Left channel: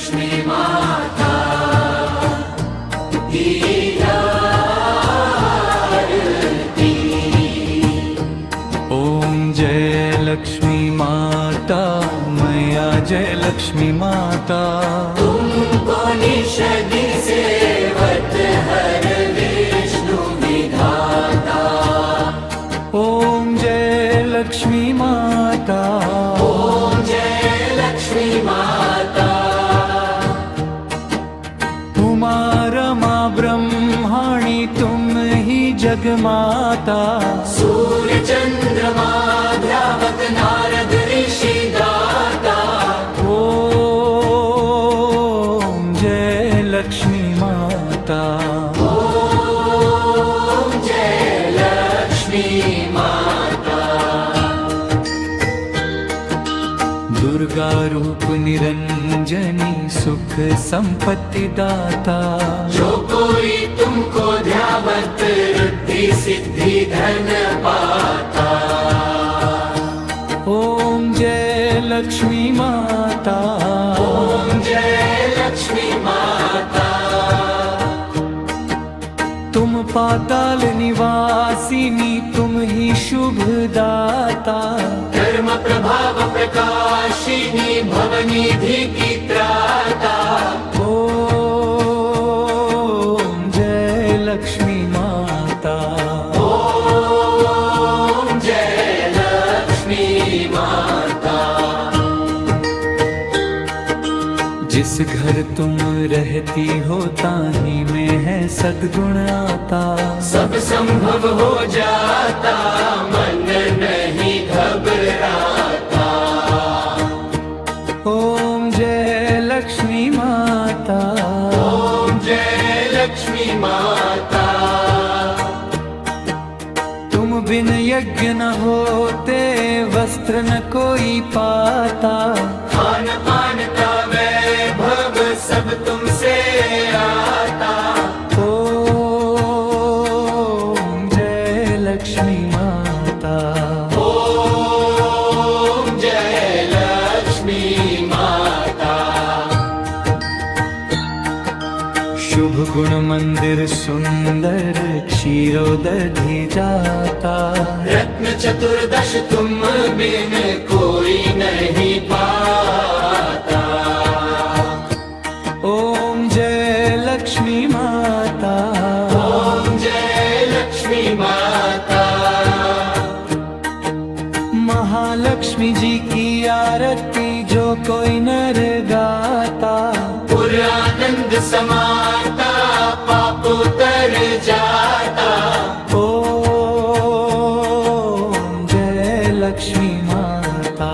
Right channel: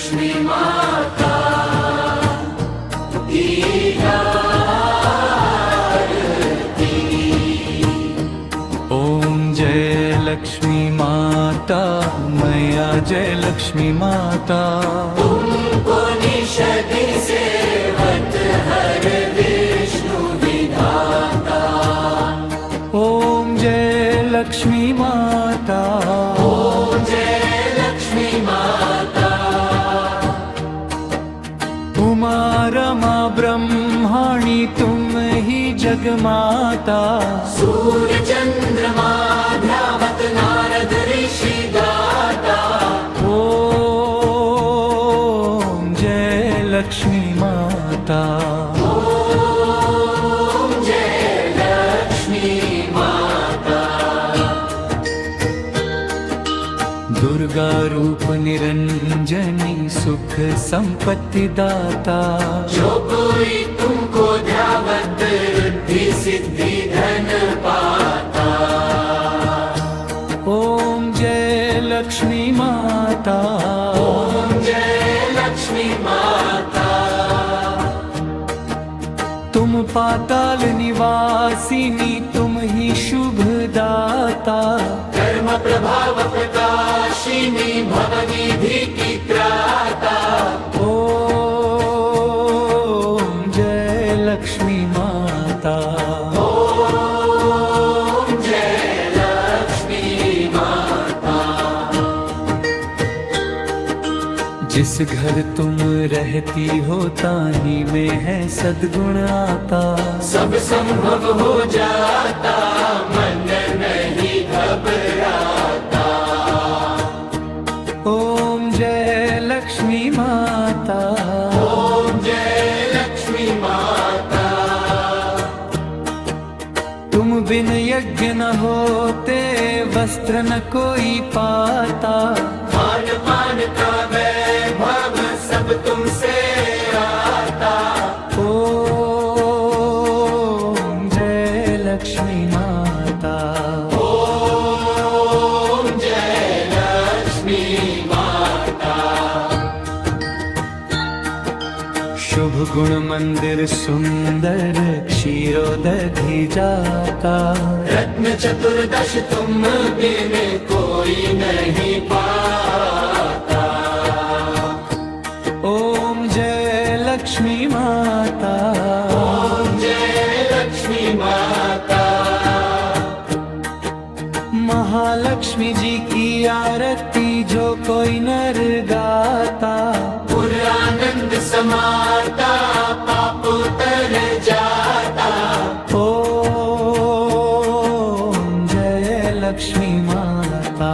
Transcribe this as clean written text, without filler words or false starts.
लक्ष्मी माता की आरती। ओम जय लक्ष्मी माता मैया जय लक्ष्मी माता। तुमको निषदि सेवत हर विष्णु विधाता। ओम जय लक्ष्मी माता। ओम जय लक्ष्मी माता। उमा रमा ब्रह्माणी तुम ही जगमाता। सूर्य चंद्रमा ध्यावत नारद ऋषि दाता। ओम जय लक्ष्मी माता। ओम जय लक्ष्मी माता। दुर्गा रूप निरंजनी सुख संपत्ति दाता। जो कोई तुमको ध्यावत रुद्धि सिद्धि धन पाता। ओम जय लक्ष्मी माता। ओम जय लक्ष्मी माता। तुम पाताल निवासिनी तुम ही शुभ दाता। धर्म प्रभाव प्रकाशिनी भवनिधि की त्राता। ओम जय लक्ष्मी माता। ओम जय लक्ष्मी माता। जिस घर तुम रहती हो ताही में है सद्गुण आता। सब संभव हो जाता मन नहीं घबराता। ओम जय लक्ष्मी माता। ओम जय लक्ष्मी माता। तुम बिन यज्ञ न होते वस्त्र न कोई पाता। खान पान का वैभव सब तुमसे आता। ओम जय लक्ष्मी माता। ओम जय लक्ष्मी माता। शुभ गुण मंदिर सुंदर क्षीरोदधि जाता। रत्न चतुर्दश तुम बिन कोई नहीं पाता। ओम जय लक्ष्मी माता। ओम जय लक्ष्मी माता। महालक्ष्मी जी की आरती जो कोई नर गाता। पुर आनंद समाता पाप उतर जाता। ओम जय लक्ष्मी माता।